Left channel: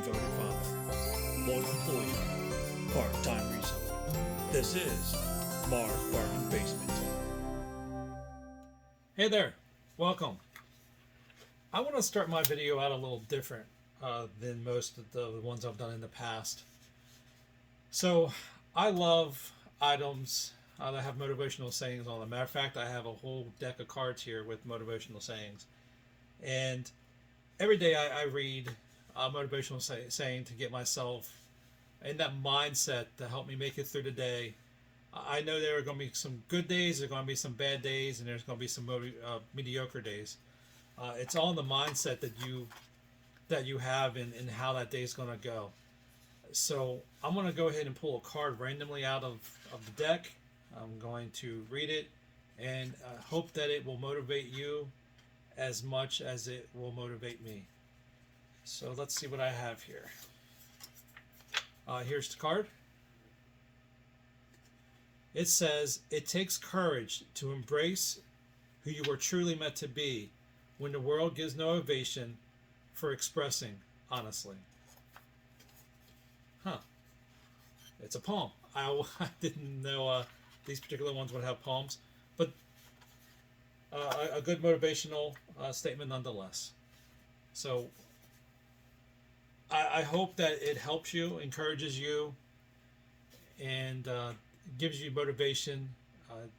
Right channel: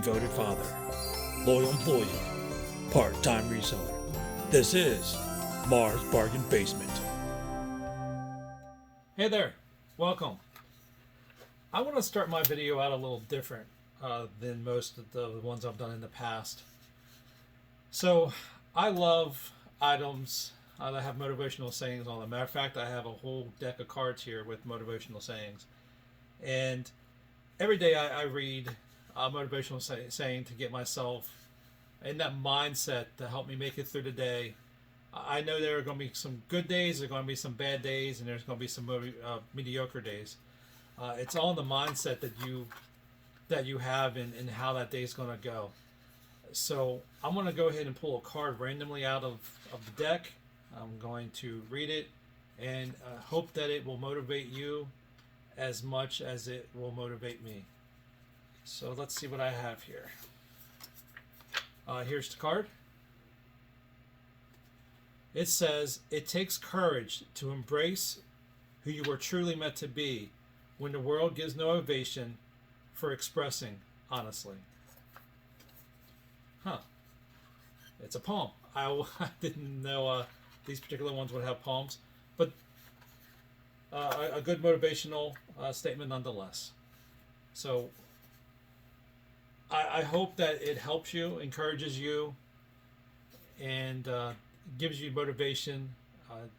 devoted father, loyal employee, part-time reseller. This is Mars Bargain Basement. Hey there, welcome. I want to start my video out a little different than most of the ones I've done in the past. So I love items that have motivational sayings on them. Matter of fact, I have a whole deck of cards here with motivational sayings. And every day I read a motivational saying to get myself in that mindset to help me make it through the day. I know there are going to be some good days, there are going to be some bad days, and there's going to be some mediocre days. It's all in the mindset that you have in how that day is going to go. So I'm going to go ahead and pull a card randomly out of the deck. I'm going to read it and hope that it will motivate you as much as it will motivate me. So let's see what I have here. Here's the card. It says, "It takes courage to embrace who you are truly meant to be when the world gives no ovation for expressing honestly." Huh. It's a poem. I didn't know these particular ones would have poems, but a good motivational statement nonetheless. So I hope that it helps you, encourages you, and gives you motivation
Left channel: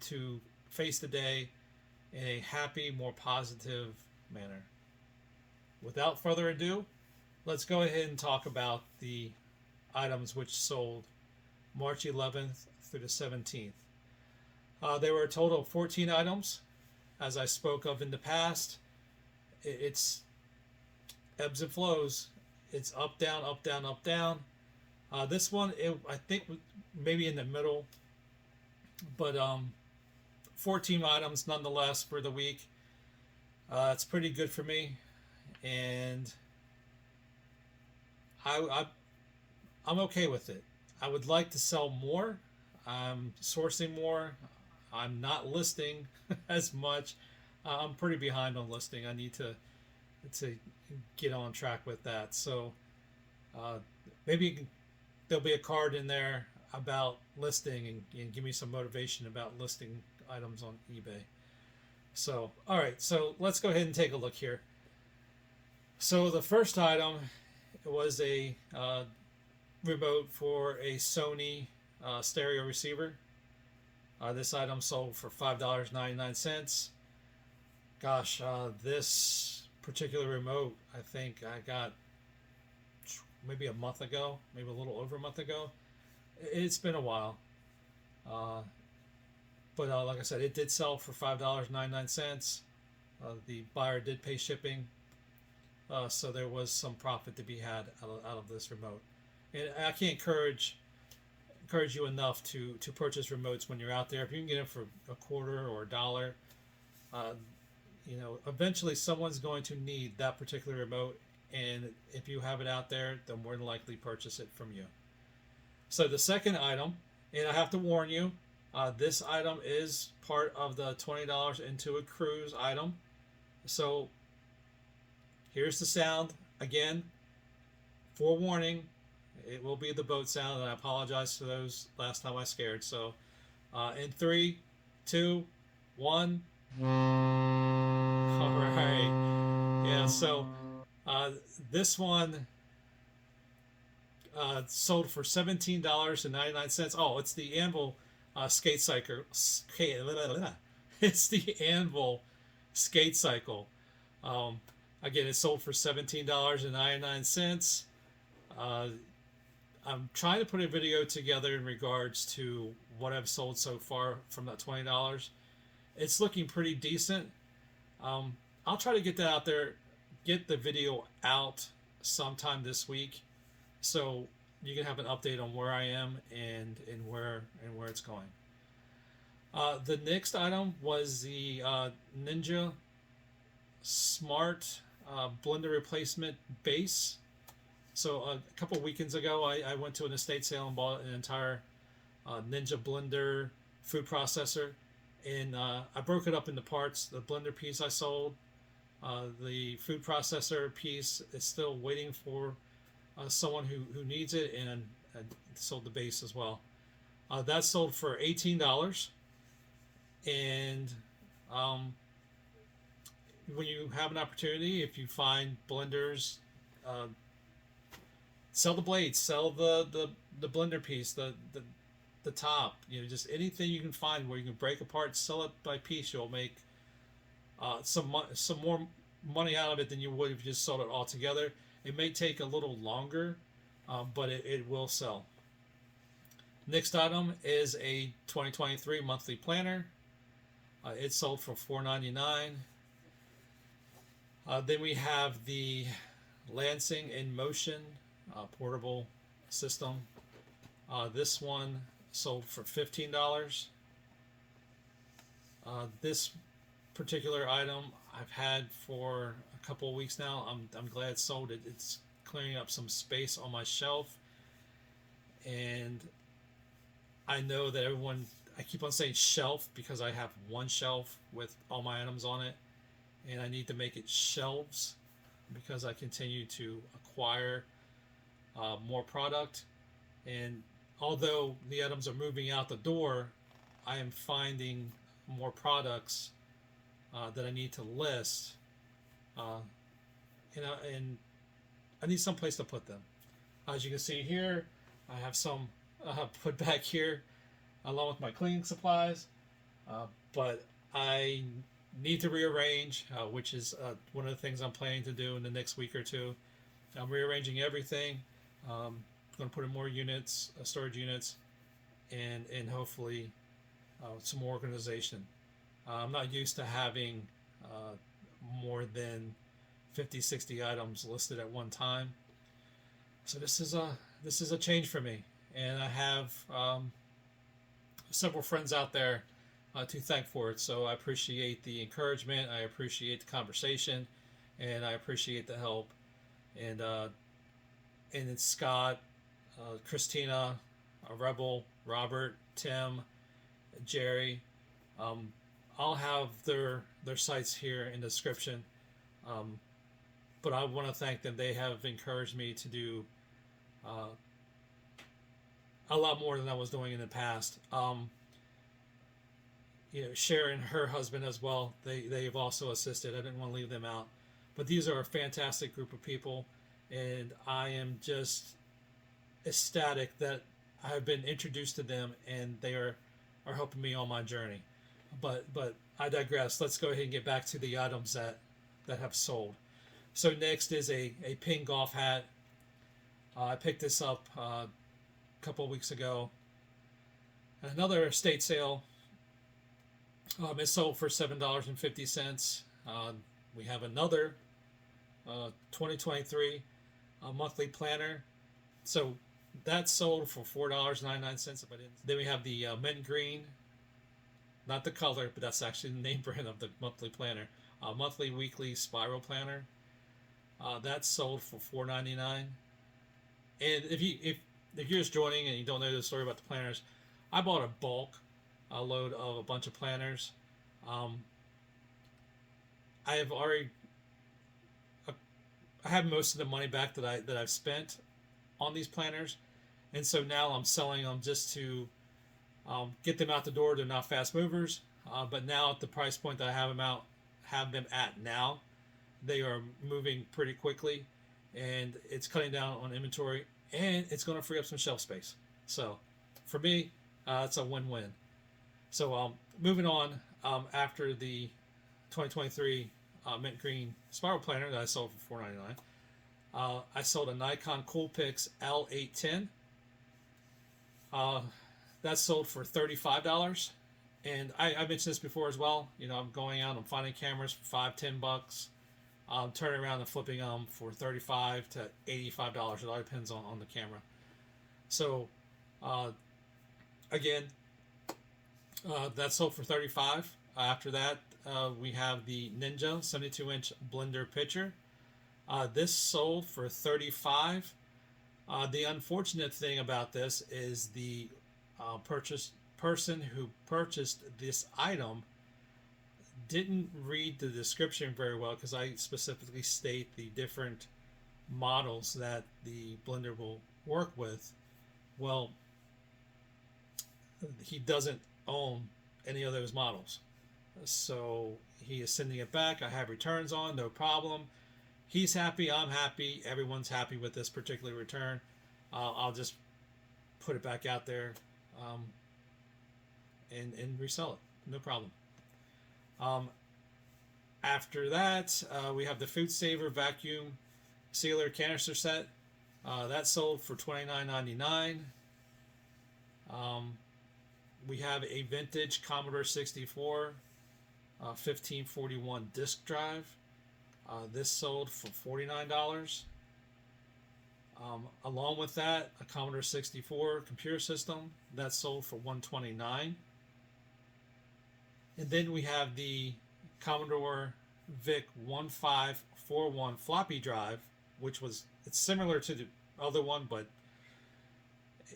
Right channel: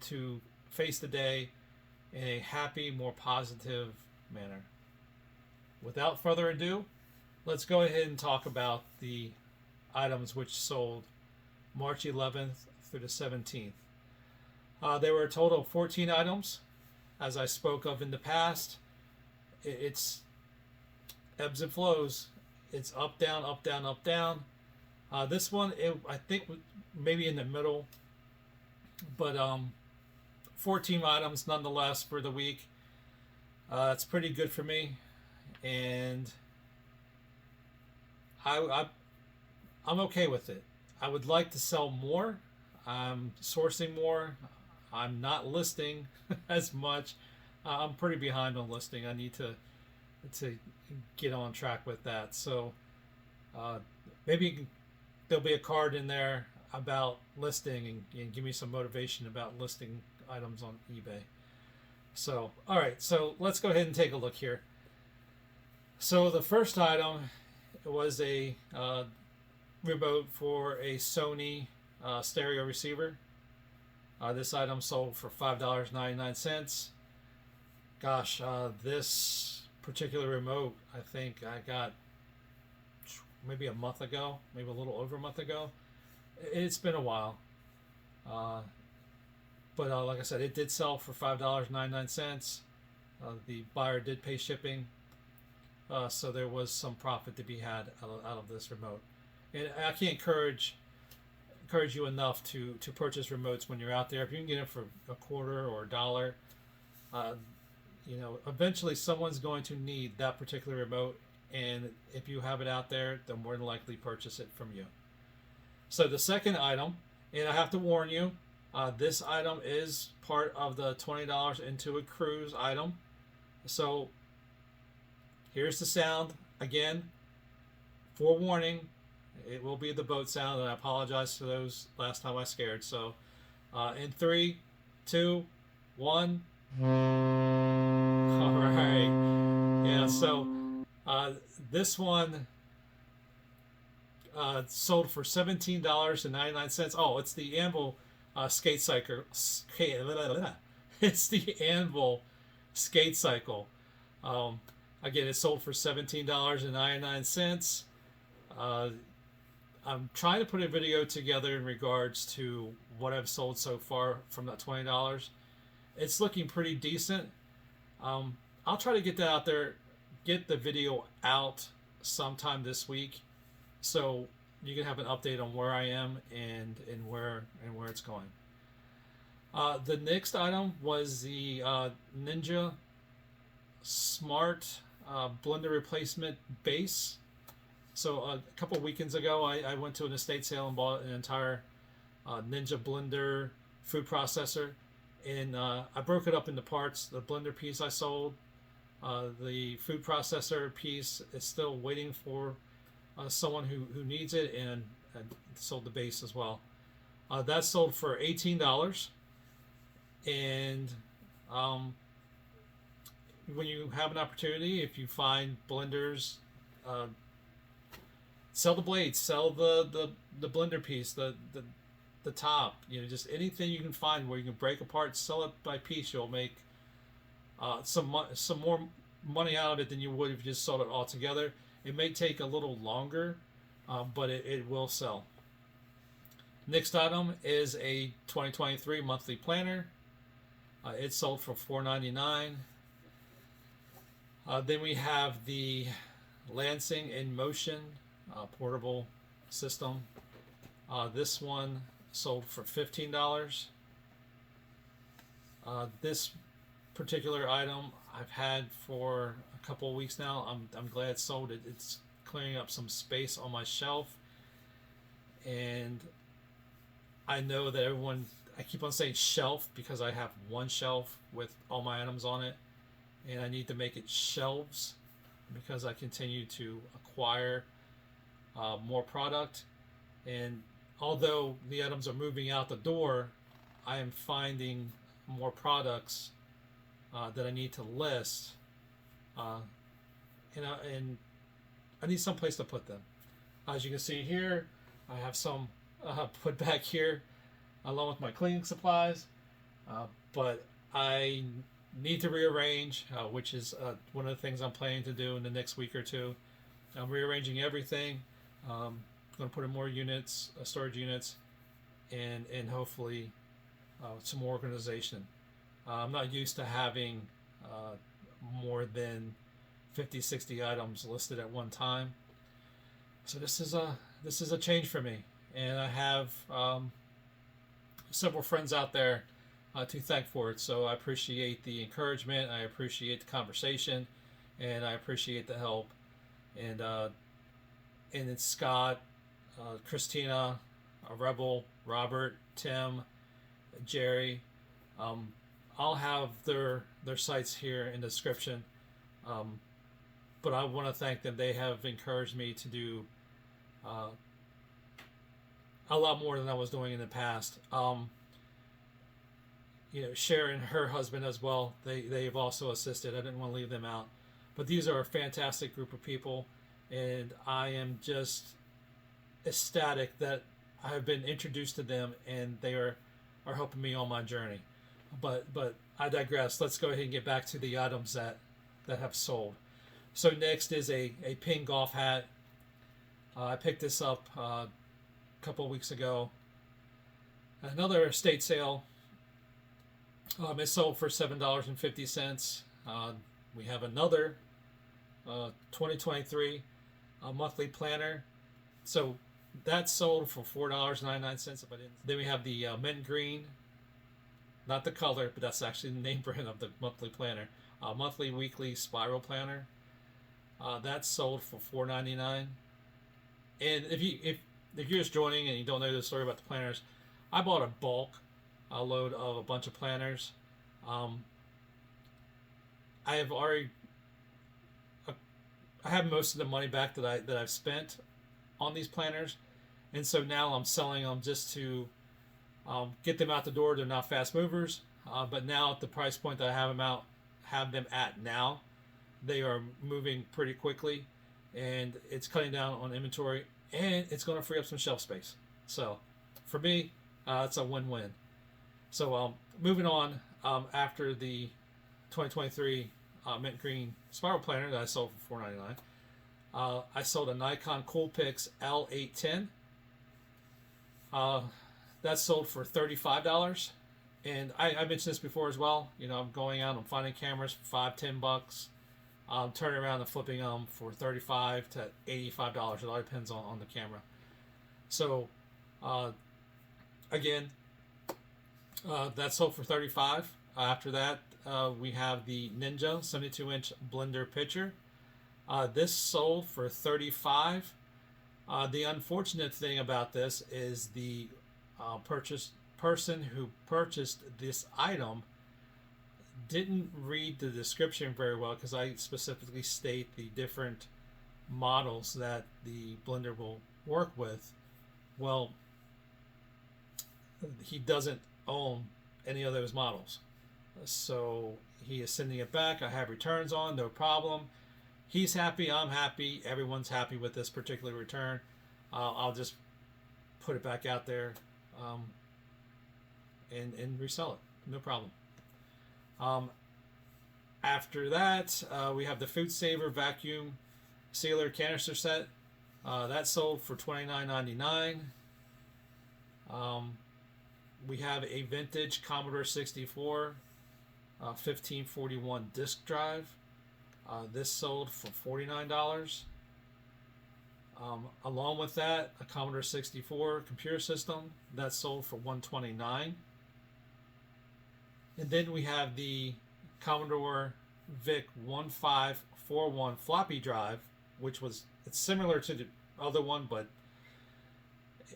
to face the day in a happy, more positive manner. Without further ado, let's go ahead and talk about the items which sold March 11th through the 17th. There were a total of 14 items. As I spoke of in the past, it's ebbs and flows. It's up, down, up, down, up, down. This one, I think maybe in the middle, but 14 items nonetheless for the week. It's pretty good for me, and I'm okay with it. I would like to sell more. I'm sourcing more. I'm not listing as much. I'm pretty behind on listing. I need to get on track with that. So maybe there'll be a card in there about listing and give me some motivation about listing items on eBay. So, all right, so let's go ahead and take a look here. So the first item was a remote for a Sony stereo receiver. This item sold for $5.99. Gosh, this particular remote, I think I got maybe a month ago, maybe a little over a month ago. It's been a while. But like I said, it did sell for $5.99. The buyer did pay shipping. So there was some profit to be had out of this remote. And I can't encourage you enough to purchase remotes when you're out there. If you can get it for a quarter or $1, eventually someone's going to need that particular remote, and if you have it out there, they'll more than likely purchase it from you. So the second item, and I have to warn you, this item is part of the $20 into a cruise item. So here's the sound again. Forewarning, it will be the boat sound, and I apologize for those last time I scared. So in 3, 2, 1. All right. Yeah, so this one sold for $17.99. Oh, it's the Anvil skate cycle. It's the Anvil skate cycle. Again, it sold for $17.99. I'm trying to put a video together in regards to what I've sold so far from that $20. It's looking pretty decent. I'll try to get that out there, get the video out sometime this week, so you can have an update on where I am and where it's going. The next item was the Ninja Smart blender replacement base. So a couple weekends ago, I went to an estate sale and bought an entire Ninja blender food processor, and I broke it up into parts. The blender piece I sold, the food processor piece is still waiting for someone who needs it, and sold the base as well. That sold for $18, and when you have an opportunity, if you find blenders, uh, sell the blades, sell the blender piece, the top, just anything you can find where you can break apart, sell it by piece. You'll make some more money out of it than you would if you just sold it all together. It may take a little longer, but it will sell. Next item is a 2023 monthly planner. It sold for $4.99. Then we have the Lansing In Motion portable system. This one sold for $15. This particular item I've had for a couple of weeks now. I'm glad it sold. It's clearing up some space on my shelf, and I know that I keep on saying shelf because I have one shelf with all my items on it, and I need to make it shelves because I continue to acquire more product. And although the items are moving out the door, I am finding more products that I need to list, and I need some place to put them. As you can see here, I have some put back here along with my cleaning supplies, but I need to rearrange, which is one of the things I'm planning to do in the next week or two. I'm rearranging everything. I'm going to put in more units, storage units, and hopefully some more organization. I'm not used to having more than 50, 60 items listed at one time. So this is a change for me, and I have several friends out there to thank for it. So I appreciate the encouragement, I appreciate the conversation, and I appreciate the help. And it's Scott, Christina, Rebel, Robert, Tim, Jerry. I'll have their sites here in the description. But I want to thank them. They have encouraged me to do a lot more than I was doing in the past. Sharon and her husband as well. They've also assisted. I didn't want to leave them out. But these are a fantastic group of people, and I am just ecstatic that I have been introduced to them, and they are helping me on my journey. But I digress. Let's go ahead and get back to the items that have sold. So next is a pin golf hat. I picked this up a couple of weeks ago. Another estate sale. It sold for $7.50. We have another 2023 monthly planner. So that sold for $4.99. Then we have the mint green, not the color, but that's actually the name brand of the monthly planner. Monthly, weekly spiral planner. That sold for $4.99. And if you're just joining and you don't know the story about the planners, I bought a bulk load of a bunch of planners. I have most of the money back that I've spent on these planners, and so now I'm selling them just to get them out the door. They're not fast movers, but now at the price point that I have them at now, they are moving pretty quickly, and it's cutting down on inventory, and it's going to free up some shelf space. So for me, it's a win-win. So moving on, after the 2023 mint green spiral planner that I sold for $4.99, I sold a Nikon Coolpix L810. That sold for $35. And I mentioned this before as well. I'm going out, I'm finding cameras for $5-10. Turning around and flipping them for $35 to $85. It all depends on the camera. So, again, that sold for $35. After that, we have the Ninja 72-inch blender pitcher. This sold for $35. The unfortunate thing about this is the person who purchased this item didn't read the description very well, because I specifically state the different models that the blender will work with. Well, he doesn't own any of those models, so he is sending it back. I have returns on, no problem. He's happy, I'm happy, everyone's happy with this particular return. I'll just put it back out there, and resell it, no problem. After that, we have the Food Saver vacuum sealer canister set. That sold for $29.99. We have a vintage Commodore 64 1541 disk drive. This sold for $49. Along with that, a Commodore 64 computer system that sold for $129. And then we have the Commodore VIC 1541 floppy drive, which it's similar to the other one, but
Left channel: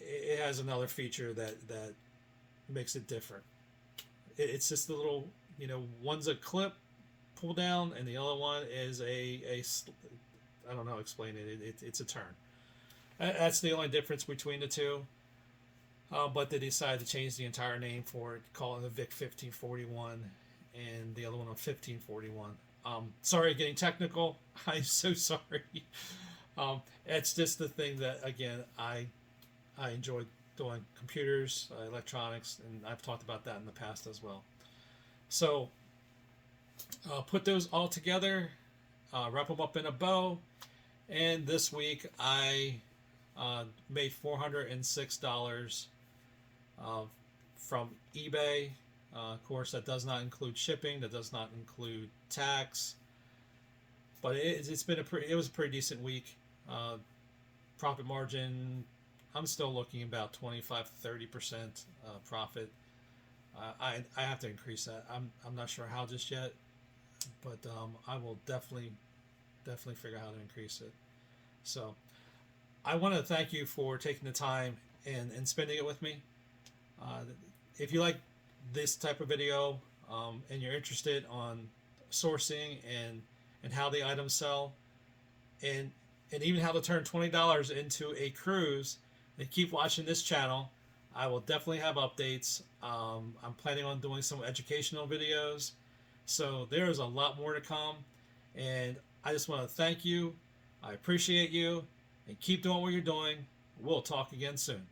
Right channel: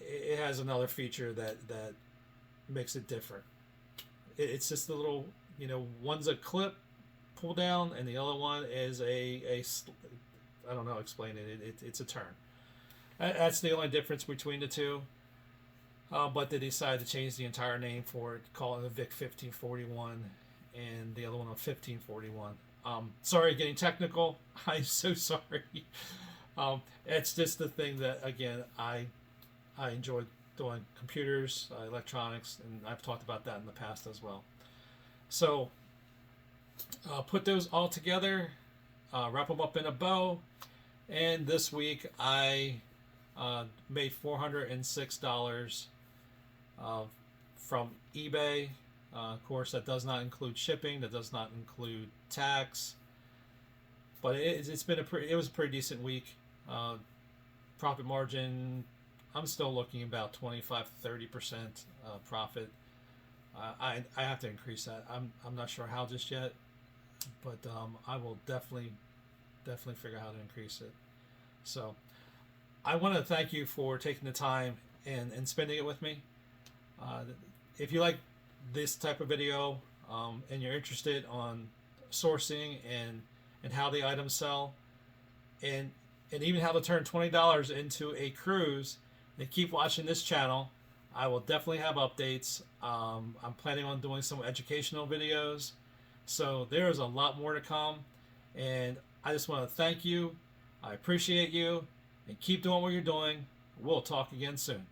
it has another feature that makes it different. It's just a little, one's a clip pull down, and the other one is I don't know, explain it. It's a turn. That's the only difference between the two. But they decided to change the entire name for it, call it the VIC 1541, and the other one on 1541. Sorry, getting technical. I'm so sorry. It's just the thing that, again, I enjoy doing computers, electronics, and I've talked about that in the past as well. So put those all together, wrap them up in a bow, and this week I made $406 from eBay. Of course, that does not include shipping. That does not include tax. But it was a pretty decent week. Profit margin, I'm still looking about 25 to 30% profit. I have to increase that. I'm not sure how just yet, but I will definitely figure out how to increase it. So I want to thank you for taking the time and spending it with me. If you like this type of video, and you're interested on sourcing and how the items sell, and even how to turn $20 into a cruise, and keep watching this channel. I will definitely have updates. I'm planning on doing some educational videos, so there's a lot more to come, and I just want to thank you. I appreciate you, and keep doing what you're doing. We'll talk again soon.